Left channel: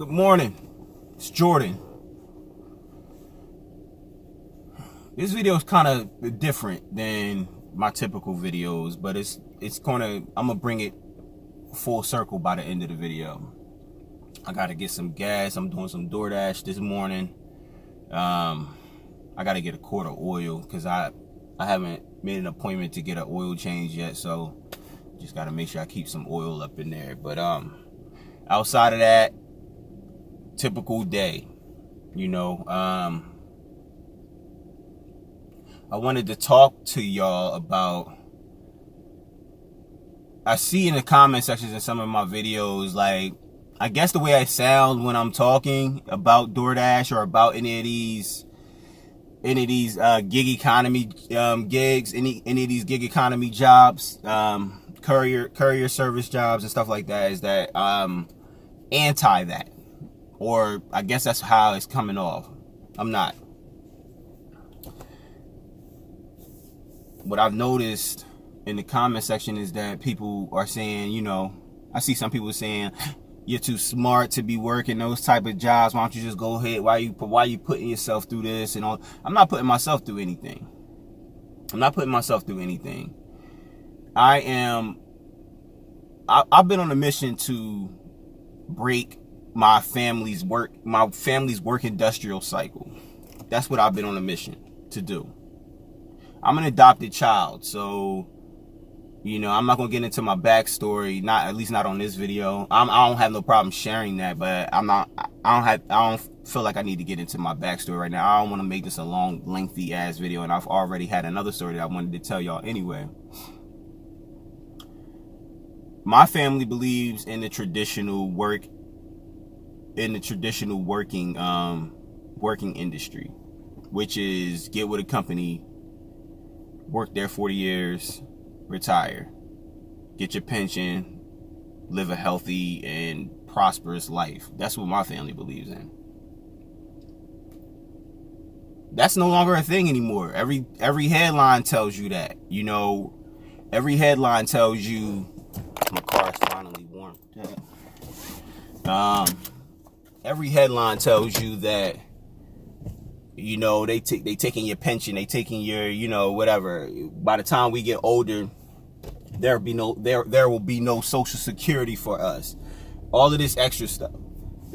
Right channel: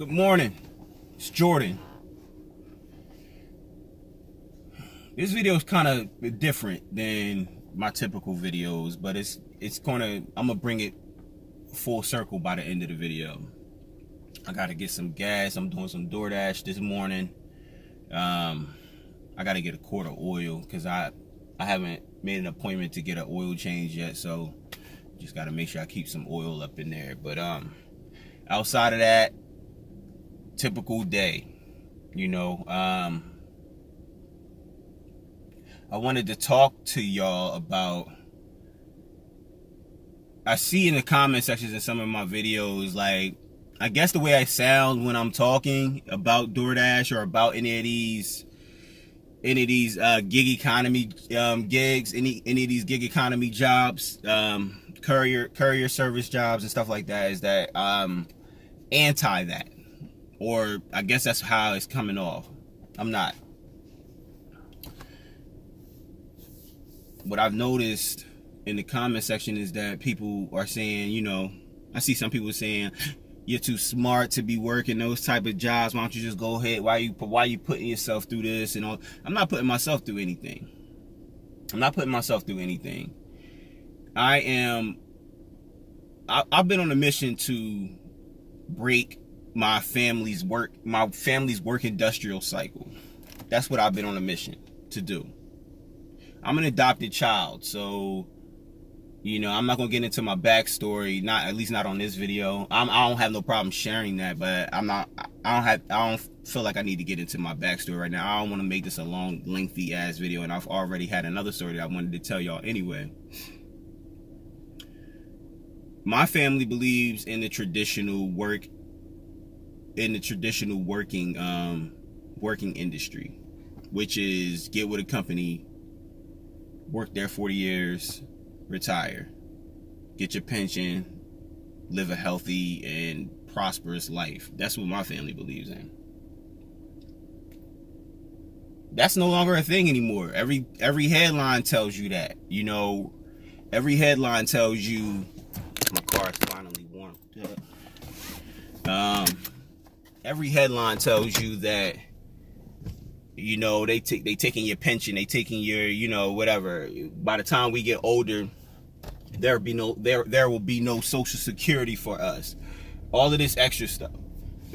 Good morning, it's Jordan. This video is kind of different than my typical videos, but I'm gonna bring it full circle by the end of the video. I gotta get some gas. I'm doing some DoorDash this morning. I gotta get a quart of oil because I haven't made an appointment to get an oil change yet, so just gotta make sure I keep some oil up in there. But outside of that, typical day, I wanted to talk to y'all about, I see in the comment sections of some of my videos, like, I guess the way I sound when I'm talking about DoorDash or about any of these gig economy gigs, any of these gig economy jobs, courier service jobs and stuff like that, is that anti that. Or I guess that's how it's coming off. I'm not. What I've noticed in the comment section is that people are saying, I see some people saying, you're too smart to be working those type of jobs. Why don't you just go ahead? Why you putting yourself through this and all? I'm not putting myself through anything. I've been on a mission to break my family's work industrial cycle. That's what I've been on a mission to do. I'm an adopted child, so I'm not gonna get into my backstory, at least not on this video. I don't have no problem sharing that, but I don't feel like I need to get into my backstory right now. I don't want to make this a long, lengthy ass video, and I've already had another story that I wanted to tell y'all anyway. My family believes in the traditional working industry, which is get with a company, work there 40 years, retire, get your pension, live a healthy and prosperous life. That's what my family believes in. That's no longer a thing anymore. Every headline tells you that. Every headline tells you, my car is finally warm. Every headline tells you that they taking your pension, they taking your whatever. By the time we get older, there will be no Social Security for us. All of this extra stuff.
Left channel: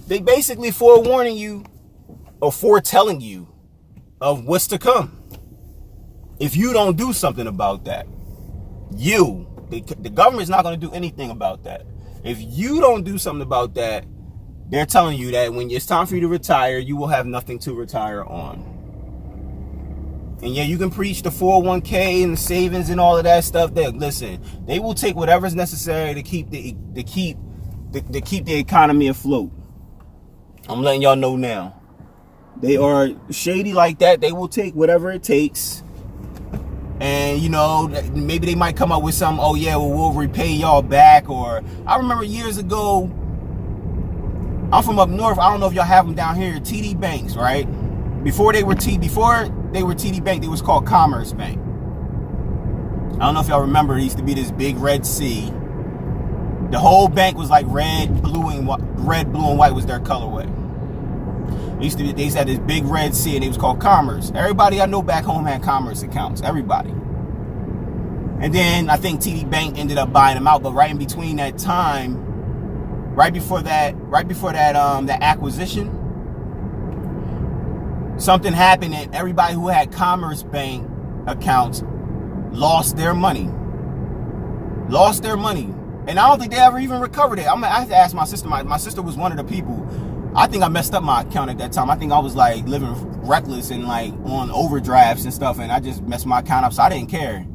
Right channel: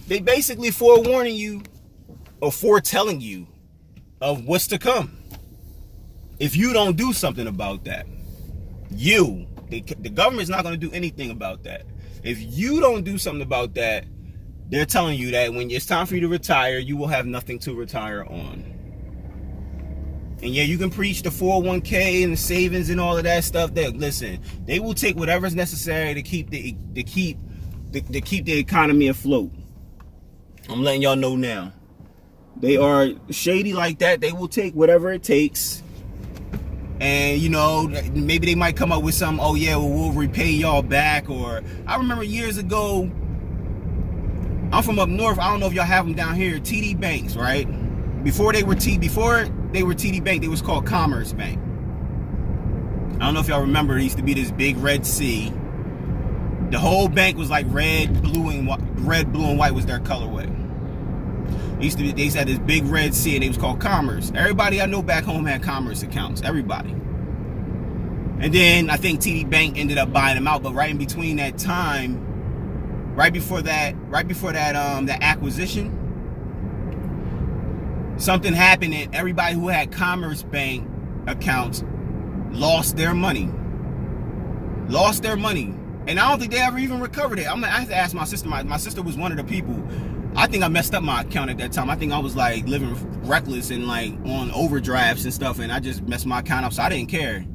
They basically forewarning you or foretelling you of what's to come. If you don't do something about that, the government's not going to do anything about that. If you don't do something about that, they're telling you that when it's time for you to retire, you will have nothing to retire on. And yeah, you can preach the 401k and the savings and all of that stuff. Listen, they will take whatever's necessary to keep the economy afloat. I'm letting y'all know now. They are shady like that. They will take whatever it takes. And maybe they might come up with some, oh yeah, well, we'll repay y'all back. Or I remember years ago, I'm from up north. I don't know if y'all have them down here. TD Banks, right? Before they were TD Bank, they was called Commerce Bank. I don't know if y'all remember. It used to be this big red C. The whole bank was like red, blue, and white was their colorway. They used to have this big red C, and it was called Commerce. Everybody I know back home had Commerce accounts. Everybody. And then I think TD Bank ended up buying them out. But right in between that time, right before that acquisition, something happened, and everybody who had Commerce Bank accounts lost their money. And I don't think they ever even recovered it. I have to ask my sister. My sister was one of the people. I think I messed up my account at that time. I think I was like living reckless and like on overdrafts and stuff, and I just messed my account up, so I didn't care.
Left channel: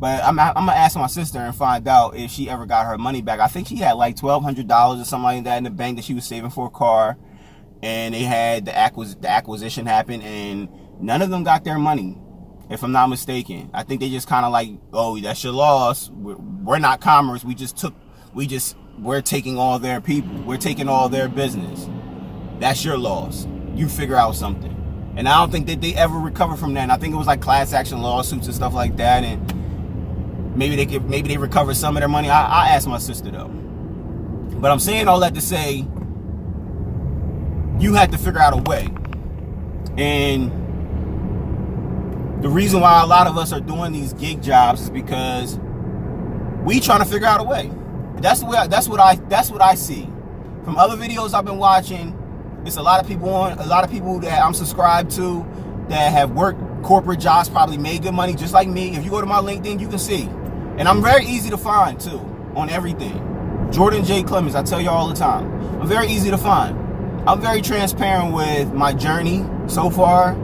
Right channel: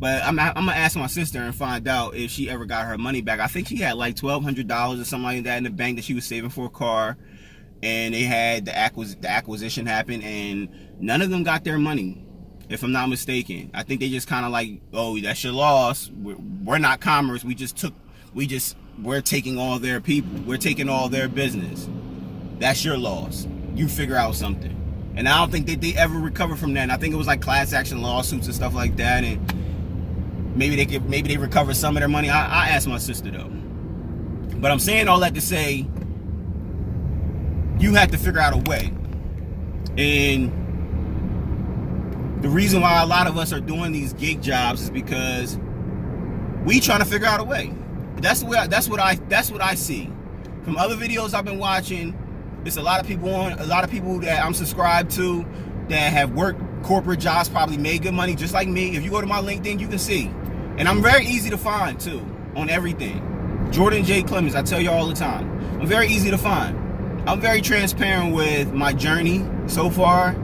But I'm gonna ask my sister and find out if she ever got her money back. I think she had like $1,200 or something like that in the bank that she was saving for a car, and they had the acquisition happen, and none of them got their money, if I'm not mistaken. I think they just kind of like, oh, that's your loss. We're not Commerce. We're taking all their people. We're taking all their business. That's your loss. You figure out something. And I don't think that they ever recovered from that. And I think it was like class action lawsuits and stuff like that. And maybe they recovered some of their money. I asked my sister though. But I'm saying all that to say, you have to figure out a way. And the reason why a lot of us are doing these gig jobs is because we trying to figure out a way. That's what I see from other videos I've been watching. It's a lot of people that I'm subscribed to that have worked corporate jobs, probably made good money just like me. If you go to my LinkedIn, you can see. And I'm very easy to find too on everything. Jordan J. Clemens, I tell you all the time. I'm very easy to find. I'm very transparent with my journey so far.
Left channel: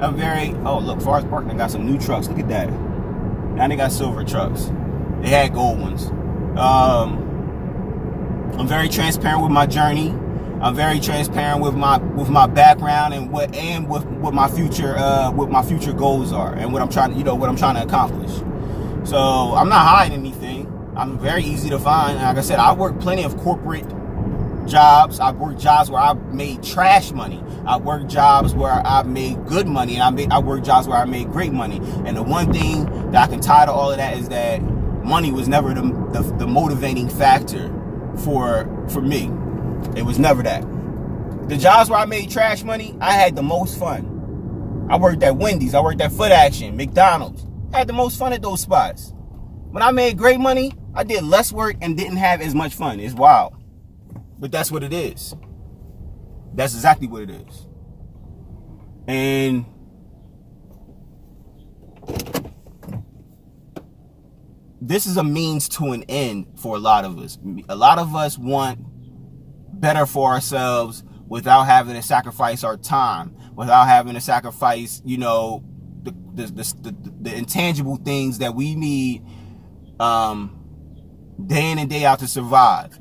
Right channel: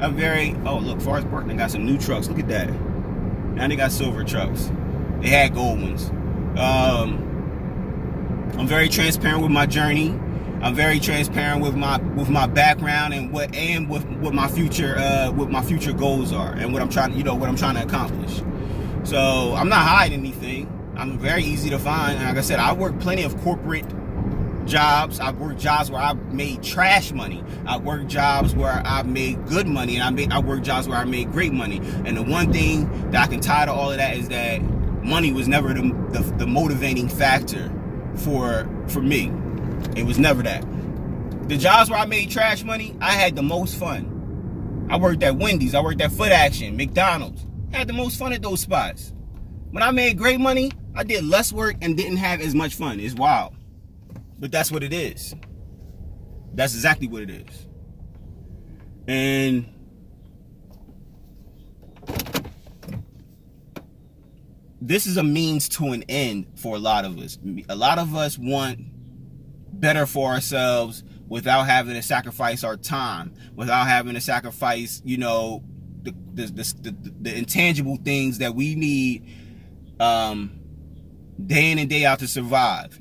Oh look, Forest Park, they got some new trucks. Look at that. Now they got silver trucks. They had gold ones. I'm very transparent with my journey. I'm very transparent with my background and what my future goals are and what I'm trying to accomplish. So I'm not hiding anything. I'm very easy to find. And like I said, I work plenty of corporate jobs. I've worked jobs where I made trash money. I worked jobs where I made good money, and I worked jobs where I made great money. And the one thing that I can tie to all of that is that money was never the motivating factor for me. It was never that. The jobs where I made trash money, I had the most fun. I worked at Wendy's, I worked at Foot Action, McDonald's. I had the most fun at those spots. When I made great money, I did less work and didn't have as much fun. It's wild. But that's what it is. That's exactly what it is. And this is a means to an end for a lot of us. A lot of us want better for ourselves without having to sacrifice our time, without having to sacrifice, the intangible things that we need day in and day out to survive,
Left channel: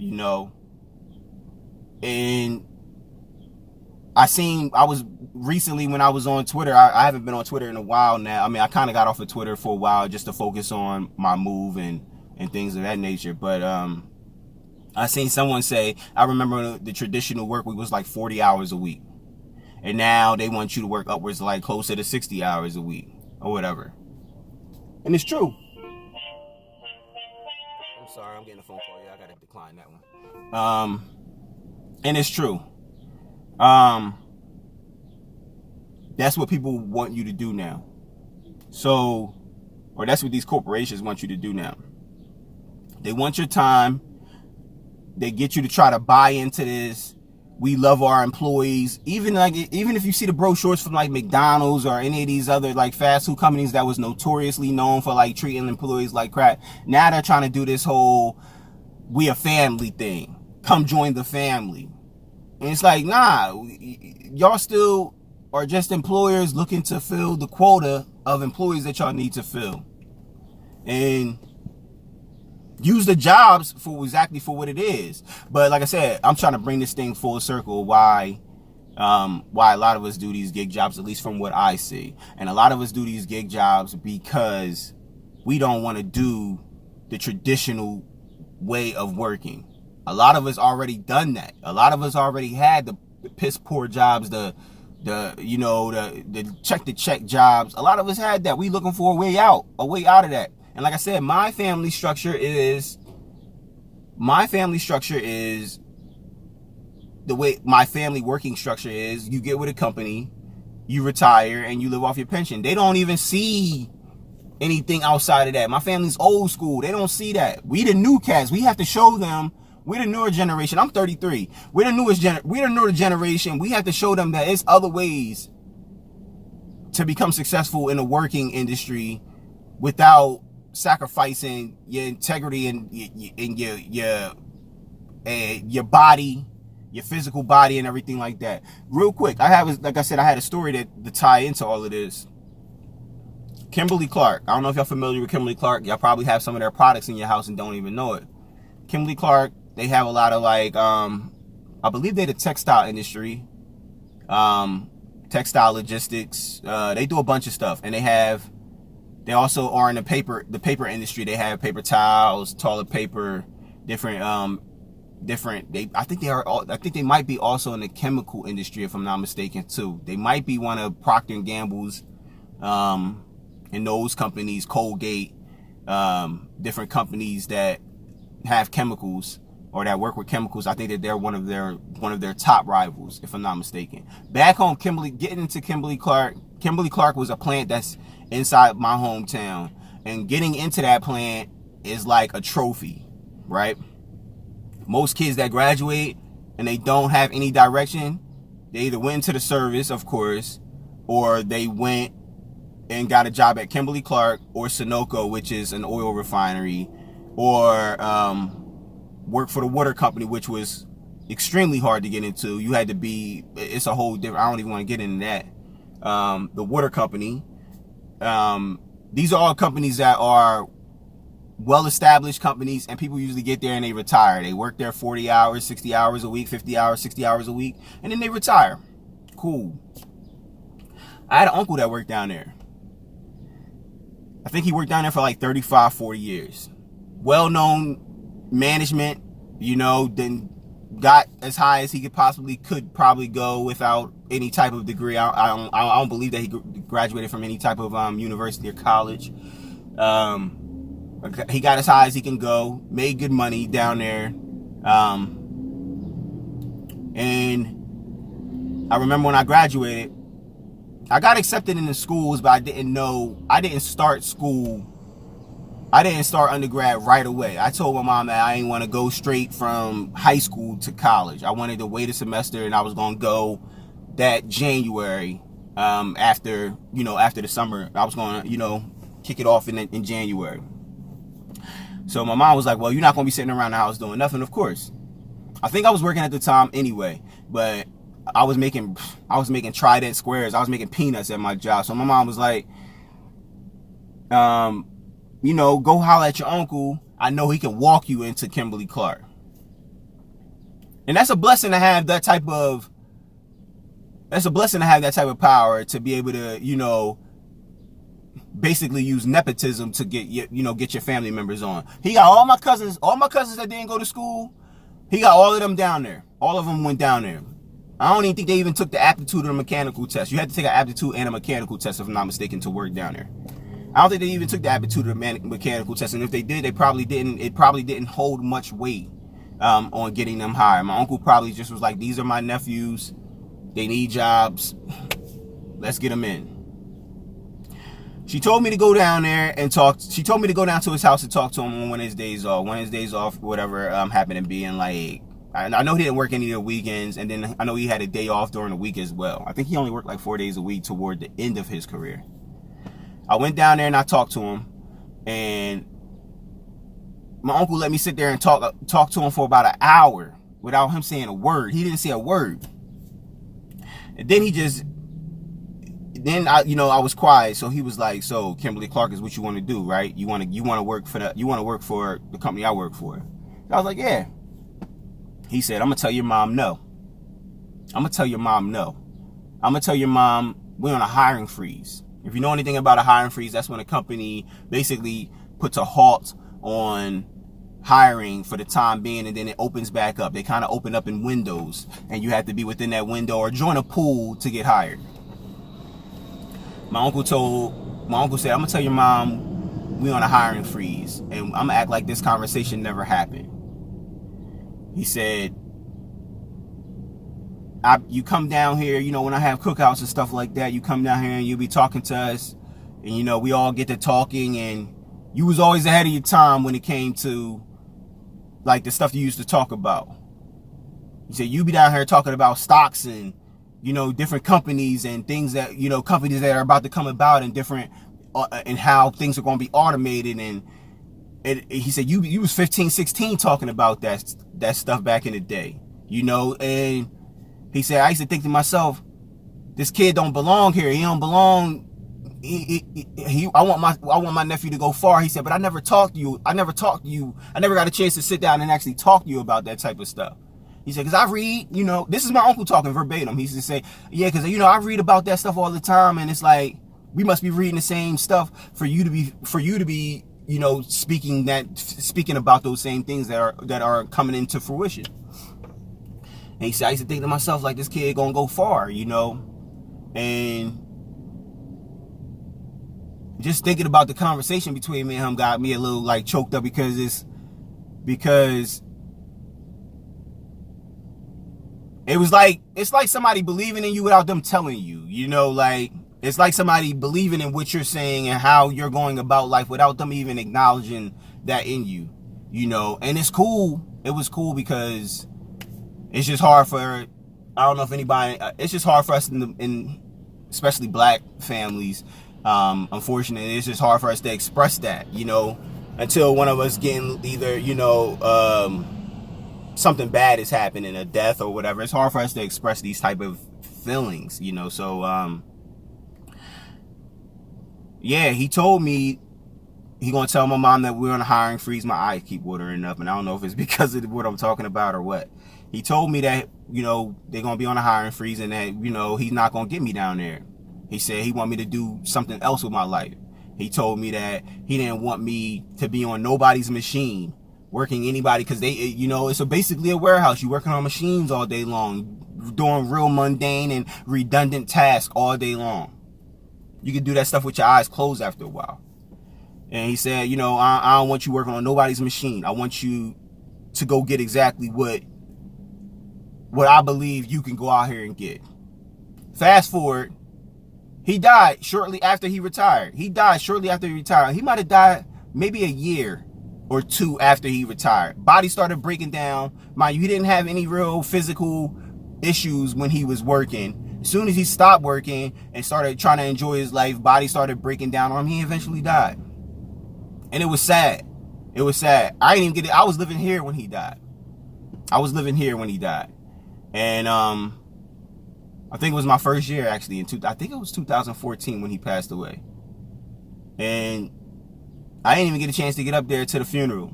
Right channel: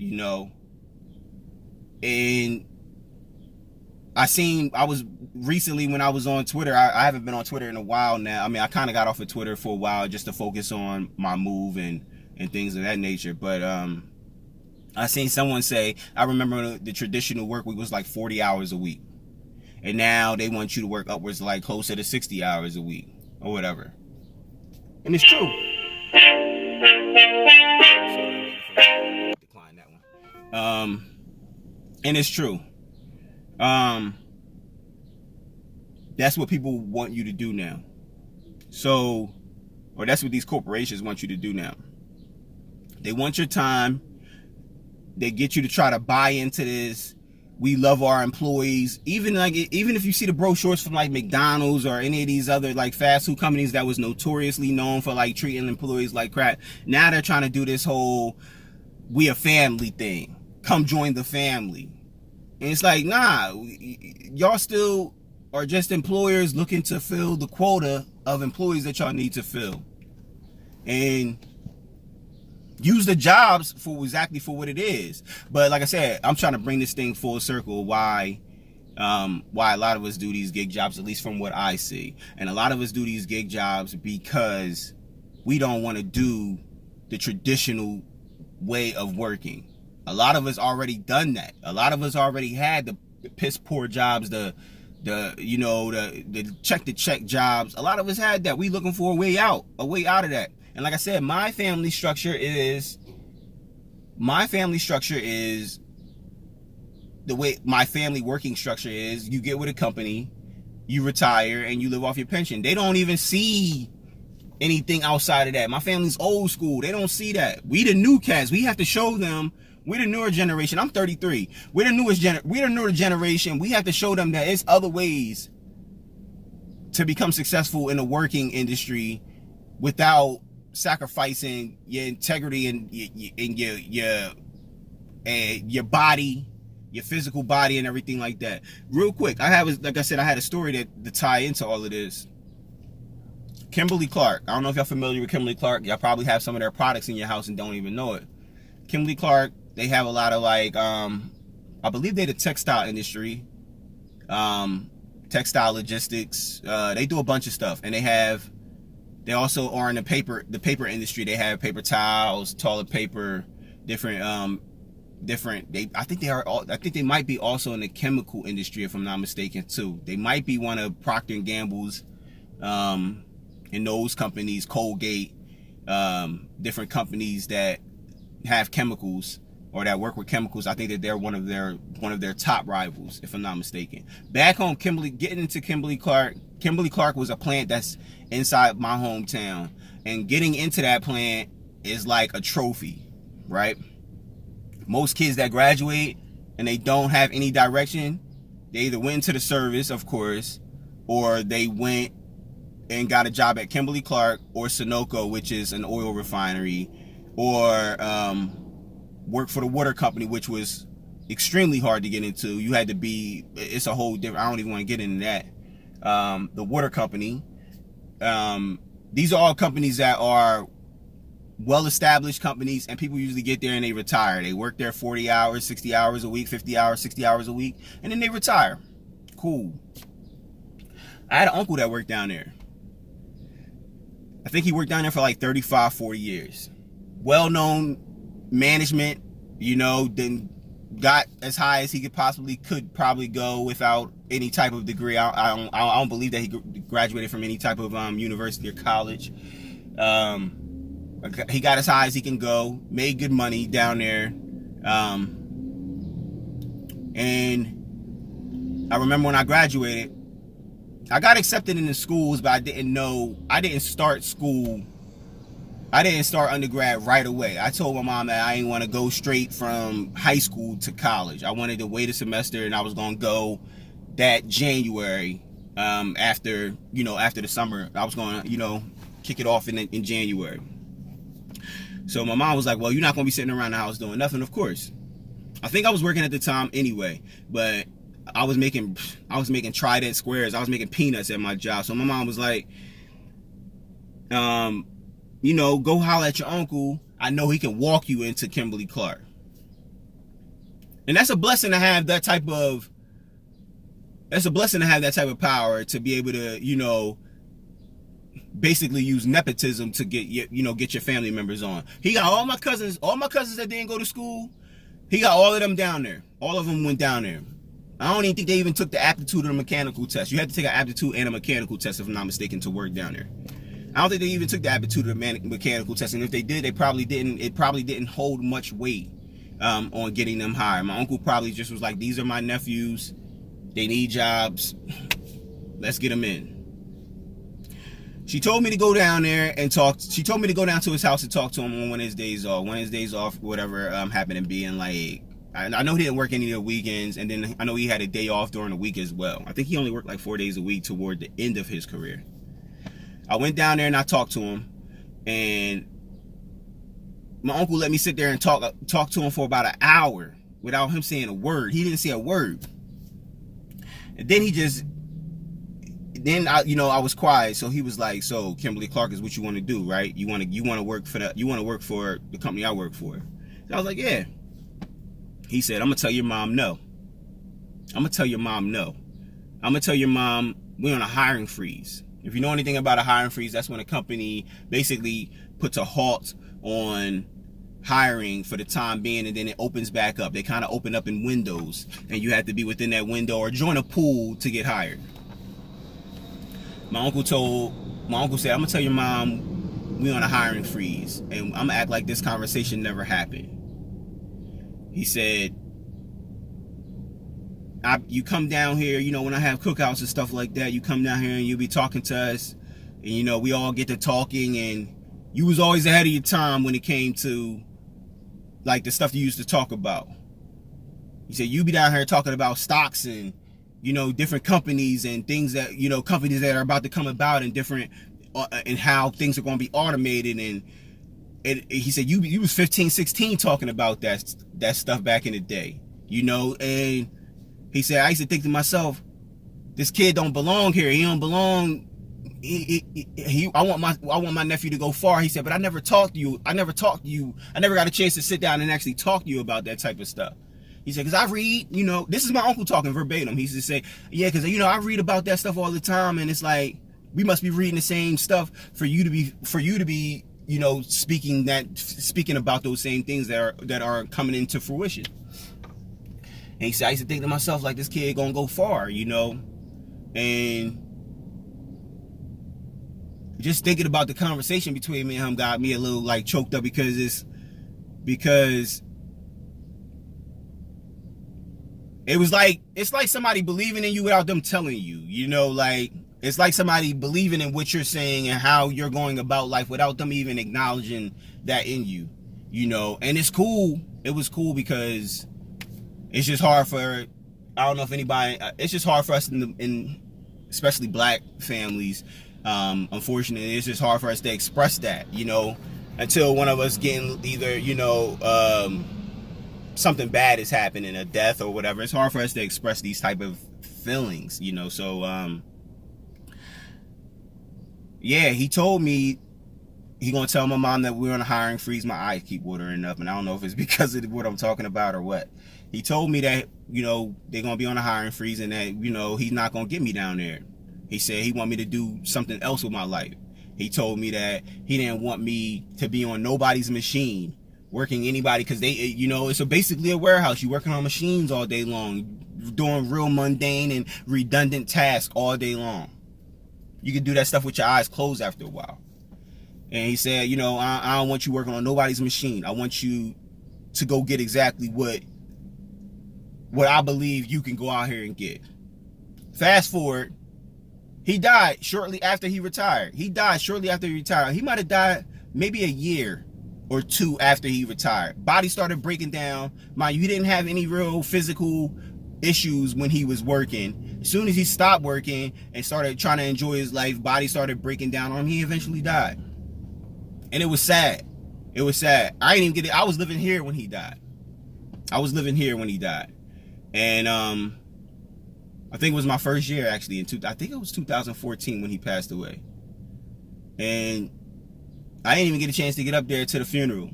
And I was recently, when I was on Twitter, I haven't been on Twitter in a while now. I mean, I kind of got off of Twitter for a while just to focus on my move and things of that nature. But I seen someone say, I remember the traditional work week was like 40 hours a week. And now they want you to work upwards like closer to 60 hours a week or whatever. And it's true. Decline that one. And it's true. That's what people want you to do now. So, or that's what these corporations want you to do now. They want your time. They get you to try to buy into this. We love our employees. Even if you see the brochures from like McDonald's or any of these other like fast food companies that was notoriously known for like treating employees like crap, now they're trying to do this whole we a family thing. Come join the family. And it's like, nah, y'all still are just employers looking to fill the quota of employees that y'all need to fill. And use the jobs for what it is. But like I said, I'm trying to bring this thing full circle. Why a lot of us do these gig jobs, at least from what I see. And a lot of us do these gig jobs because we don't want to do the traditional way of working. A lot of us already done that. A lot of us already had the piss poor jobs, the check to check jobs. A lot of us had that. We looking for a way out of that. And like I said, my family structure is the way my family working structure is. You get with a company, you retire, and you live off your pension. They don't even see anything outside of that. My family's old school. They don't see that. We the new cats. We have to show them. We're the newer generation. I'm 33. We're the newer generation. We have to show them that it's other ways to become successful in the working industry without sacrificing your integrity and your body, your physical body, and everything like that. Real quick, I had a story to tie into all of this. Kimberly Clark. I don't know if y'all familiar with Kimberly Clark. Y'all probably have some of their products in your house and don't even know it. Kimberly Clark, they have a lot of like, I believe they're the textile industry, textile logistics. They do a bunch of stuff, and they also are in the paper industry. They have paper towels, toilet paper, different. I think they might be also in the chemical industry, if I'm not mistaken, too. They might be one of Procter & Gamble's, and those companies, Colgate, different companies that have chemicals or that work with chemicals. I think that they're one of their top rivals, if I'm not mistaken. Back home, getting into Kimberly Clark was a plant that's inside my hometown, and getting into that plant is like a trophy, right? Most kids that graduate and they don't have any direction, they either went into the service, of course, or they went and got a job at Kimberly Clark or Sunoco, which is an oil refinery, or worked for the water company, which was extremely hard to get into. You had to be, it's a whole different, I don't even want to get into that. The water company. These are all companies that are well-established companies, and people usually get there and they retire. They work there 40 hours, 60 hours a week, 50 hours, 60 hours a week, and then they retire. Cool. I had an uncle that worked down there. I think he worked down there for like 35, 40 years. Well-known management, you know, then got as high as he could probably go without any type of degree. I don't believe that he graduated from any type of university or college. He got as high as he can go, made good money down there. And I remember when I graduated, I got accepted into schools, but I didn't start undergrad right away. I told my mom that I didn't want to go straight from high school to college. I wanted to wait a semester, and I was going to go that January, after the summer. I was going to, kick it off in January. So my mom was like, well, you're not going to be sitting around the house doing nothing, of course. I think I was working at the time anyway, but I was making Trident squares. I was making peanuts at my job. So my mom was like, go holler at your uncle. I know he can walk you into Kimberly Clark. And that's a blessing to have that type of power, to be able to, basically use nepotism to get your family members on. He got all my cousins that didn't go to school. He got all of them down there. All of them went down there. I don't even think they even took the aptitude or the mechanical test. You had to take an aptitude and a mechanical test, if I'm not mistaken, to work down there. I don't think they even took the aptitude or the mechanical test, and if they did, they probably didn't. It probably didn't hold much weight on getting them hired. My uncle probably just was like, "These are my nephews. They need jobs. Let's get them in." She told me to go down there and talk. She told me to go down to his house and talk to him on one of his days off. Whatever happened to be. And like, I know he didn't work any of the weekends, and then I know he had a day off during the week as well. I think he only worked like 4 days a week toward the end of his career. I went down there and I talked to him, and my uncle let me sit there and talk to him for about an hour without him saying a word. He didn't say a word. And then I was quiet. So he was like, "So Kimberly Clark is what you want to do, right? You want to work for the company I work for?" And I was like, "Yeah." He said, "I'm gonna tell your mom no. I'm gonna tell your mom no. I'm gonna tell your mom we're on a hiring freeze." If you know anything about a hiring freeze, that's when a company basically puts a halt on hiring for the time being, and then it opens back up. They kind of open up in windows, and you have to be within that window or join a pool to get hired. My uncle said, "I'm gonna tell your mom we on a hiring freeze, and I'm gonna act like this conversation never happened." He said, "You come down here, when I have cookouts and stuff like that, you come down here and you be talking to us, and we all get to talking, and you was always ahead of your time when it came to like the stuff you used to talk about." He said, "You be down here talking about stocks and different companies and things that companies that are about to come about, and different and how things are going to be automated." And he said, you was 15, 16 talking about that stuff back in the day, and he said, "I used to think to myself, this kid don't belong here. He don't belong. I want my nephew to go far." He said, "But I never talked to you. I never got a chance to sit down and actually talk to you about that type of stuff." He said, "Because I read, this is my uncle talking verbatim. He used to say, yeah, because, I read about that stuff all the time. And it's like, we must be reading the same stuff for you to be, speaking about those same things that are coming into fruition." And he said, "I used to think to myself, like, this kid gonna go far, and just thinking about the conversation between me and him got me a little like choked up, because it's like somebody believing in you without them telling you, you know, like it's like somebody believing in what you're saying and how you're going about life without them even acknowledging that in you, you know. And it's cool. It was cool because it's just hard for, I don't know if anybody, it's just hard for us in especially black families. Unfortunately, it's just hard for us to express that, you know, until one of us getting either, you know, something bad is happening, a death or whatever. It's hard for us to express these type of feelings, you know. So yeah, he told me he gonna tell my mom that we're on a hiring freeze. My eyes keep watering up, and I don't know if it's because of what I'm talking about or what. He told me that, you know, they're gonna be on a hiring freeze and that, you know, he's not gonna get me down there. He said he want me to do something else with my life. He told me that he didn't want me to be on nobody's machine working anybody, because they, you know, it's basically a warehouse. You're working on machines all day long, doing real mundane and redundant tasks all day long. You can do that stuff with your eyes closed after a while. And he said, you know, I don't want you working on nobody's machine. I want you to go get exactly what I believe you can go out here and get. Fast forward, he died shortly after he retired. He died shortly after he retired. He might have died maybe a year or two after he retired. Body started breaking down. Mind you, he didn't have any real physical issues when he was working. As soon as he stopped working and started trying to enjoy his life, body started breaking down on him. He eventually died. And it was sad. It was sad. I didn't even get it. I was living here when he died. And I think it was my first year actually I think it was 2014 when he passed away. And I didn't even get a chance to get up there to the funeral.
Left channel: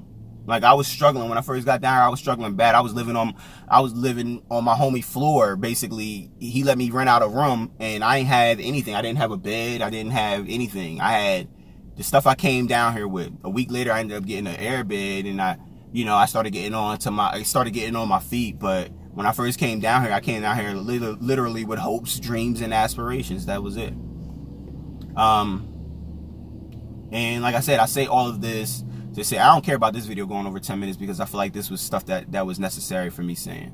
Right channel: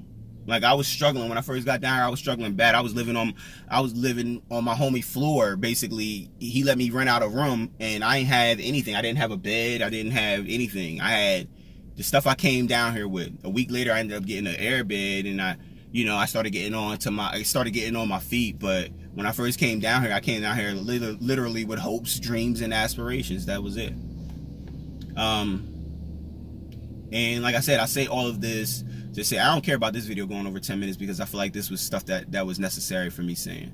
Like, I was struggling when I first got down here. I was struggling bad. I was living on my homie floor. Basically, he let me rent out a room, and I didn't have anything. I didn't have a bed. I didn't have anything. I had the stuff I came down here with. A week later, I ended up getting an air bed, and I started getting on my feet. But when I first came down here, I came down here literally with hopes, dreams, and aspirations. That was it. And like I said, I say all of this to say I don't care about this video going over 10 minutes because I feel like this was stuff that was necessary for me saying.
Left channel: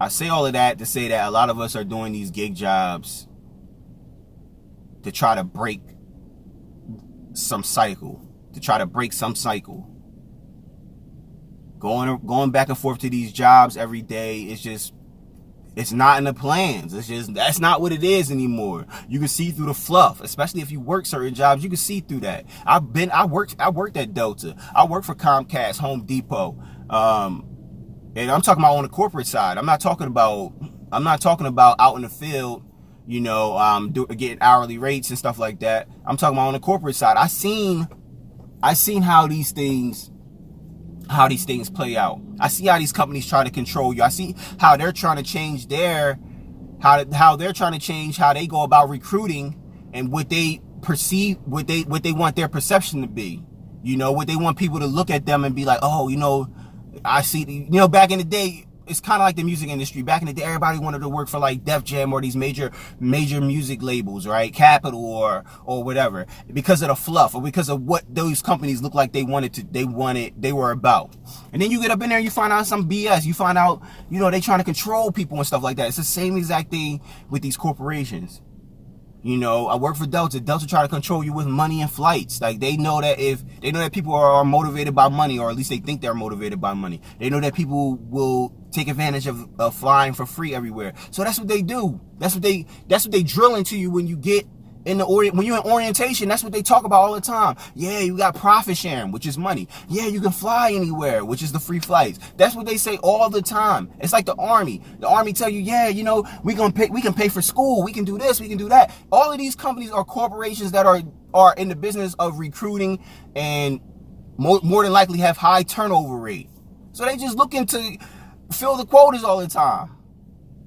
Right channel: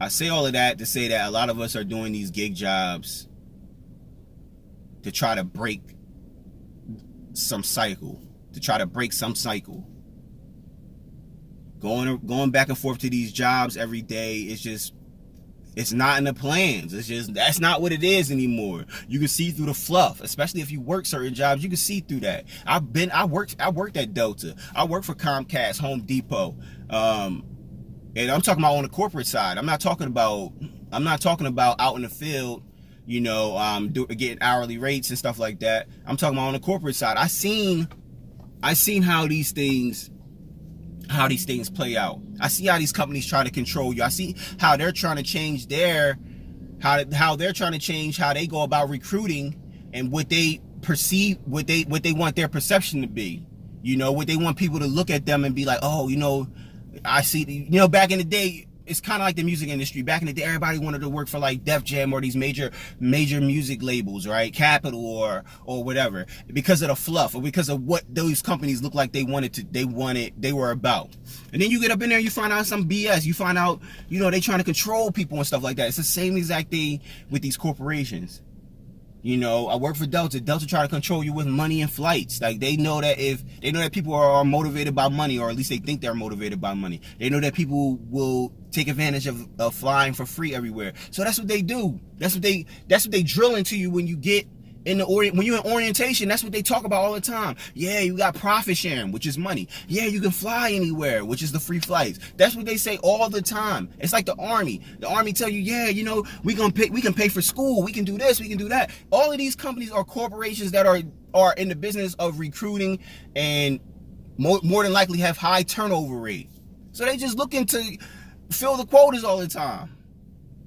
I say all of that to say that a lot of us are doing these gig jobs to try to break some cycle. Going back and forth to these jobs every day is just, it's not in the plans. It's just, that's not what it is anymore. You can see through the fluff, especially if you work certain jobs. You can see through that. I worked at Delta. I worked for Comcast, Home Depot. And I'm talking about on the corporate side. I'm not talking about out in the field, you know, getting hourly rates and stuff like that. I'm talking about on the corporate side. I seen how these things play out. I see how these companies try to control you. I see how they're trying to change how they go about recruiting and what they perceive, what they want their perception to be. You know, what they want people to look at them and be like, oh, you know, I see, you know, back in the day, it's kind of like the music industry. Back in the day, everybody wanted to work for like Def Jam or these major music labels, right? Capitol or whatever, because of the fluff or because of what those companies look like they were about. And then you get up in there, you find out some BS. You find out, you know, they trying to control people and stuff like that. It's the same exact thing with these corporations. You know, I work for Delta. Delta try to control you with money and flights. Like, they know that people are motivated by money, or at least they think they're motivated by money. They know that people will take advantage of flying for free everywhere. So that's what they do. That's what they drill into you when you get when you're in orientation. That's what they talk about all the time. Yeah, you got profit sharing, which is money. Yeah, you can fly anywhere, which is the free flights. That's what they say all the time. It's like the army. The army tell you, yeah, you know, we can pay for school, we can do this, we can do that. All of these companies are corporations that are in the business of recruiting and more than likely have high turnover rate. So they just looking to fill the quotas all the time.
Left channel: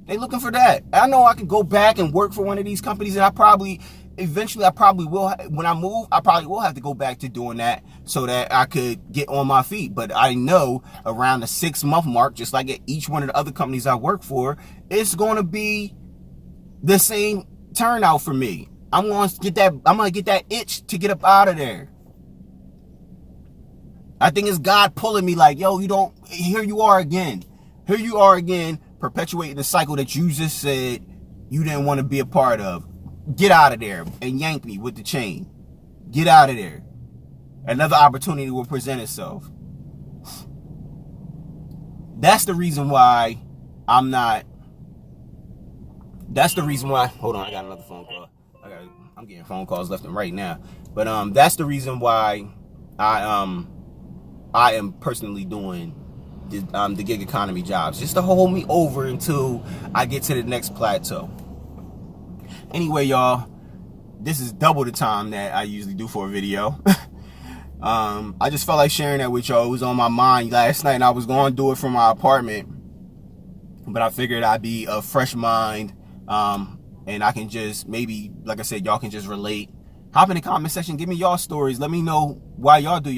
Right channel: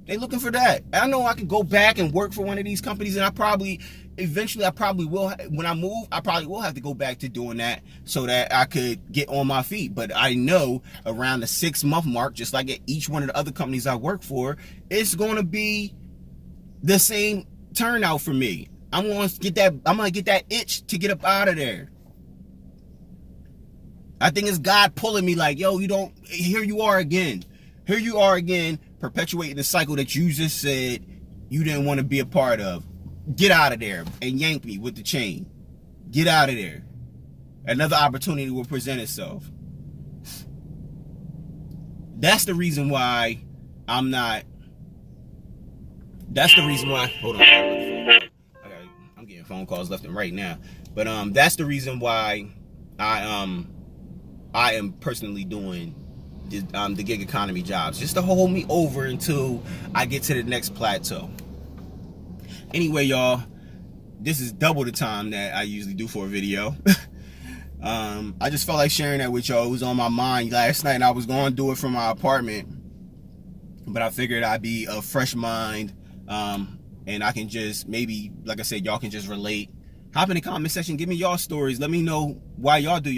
They looking for that. I know I can go back and work for one of these companies, and eventually I probably will. When I move, I probably will have to go back to doing that so that I could get on my feet. But I know around the 6-month mark, just like at each one of the other companies I work for, it's going to be the same turnout for me. I'm going to get that itch to get up out of there. I think it's God pulling me like, yo, here you are again, perpetuating the cycle that you just said you didn't want to be a part of. Get out of there and yank me with the chain. Get out of there. Another opportunity will present itself. That's the reason why I'm not. That's the reason why. Hold on, I got another phone call. I'm getting phone calls left and right now. But that's the reason why I am personally doing the gig economy jobs, just to hold me over until I get to the next plateau. Anyway, y'all, this is double the time that I usually do for a video. I just felt like sharing that with y'all. It was on my mind last night, and I was going to do it from my apartment, but I figured I'd be a fresh mind, and I can just maybe, like I said, y'all can just relate. Hop in the comment section, give me y'all stories. Let me know why y'all do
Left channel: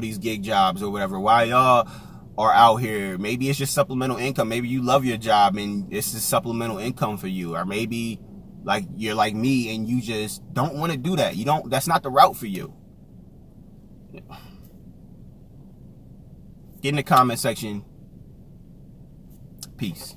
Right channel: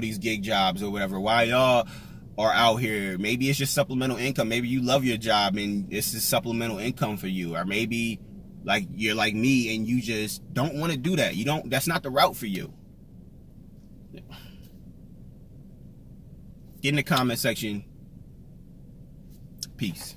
these gig jobs or whatever. Why y'all are out here. Maybe it's just supplemental income. Maybe you love your job and it's just supplemental income for you. Or maybe like you're like me and you just don't want to do that. That's not the route for you. Get in the comment section. Peace.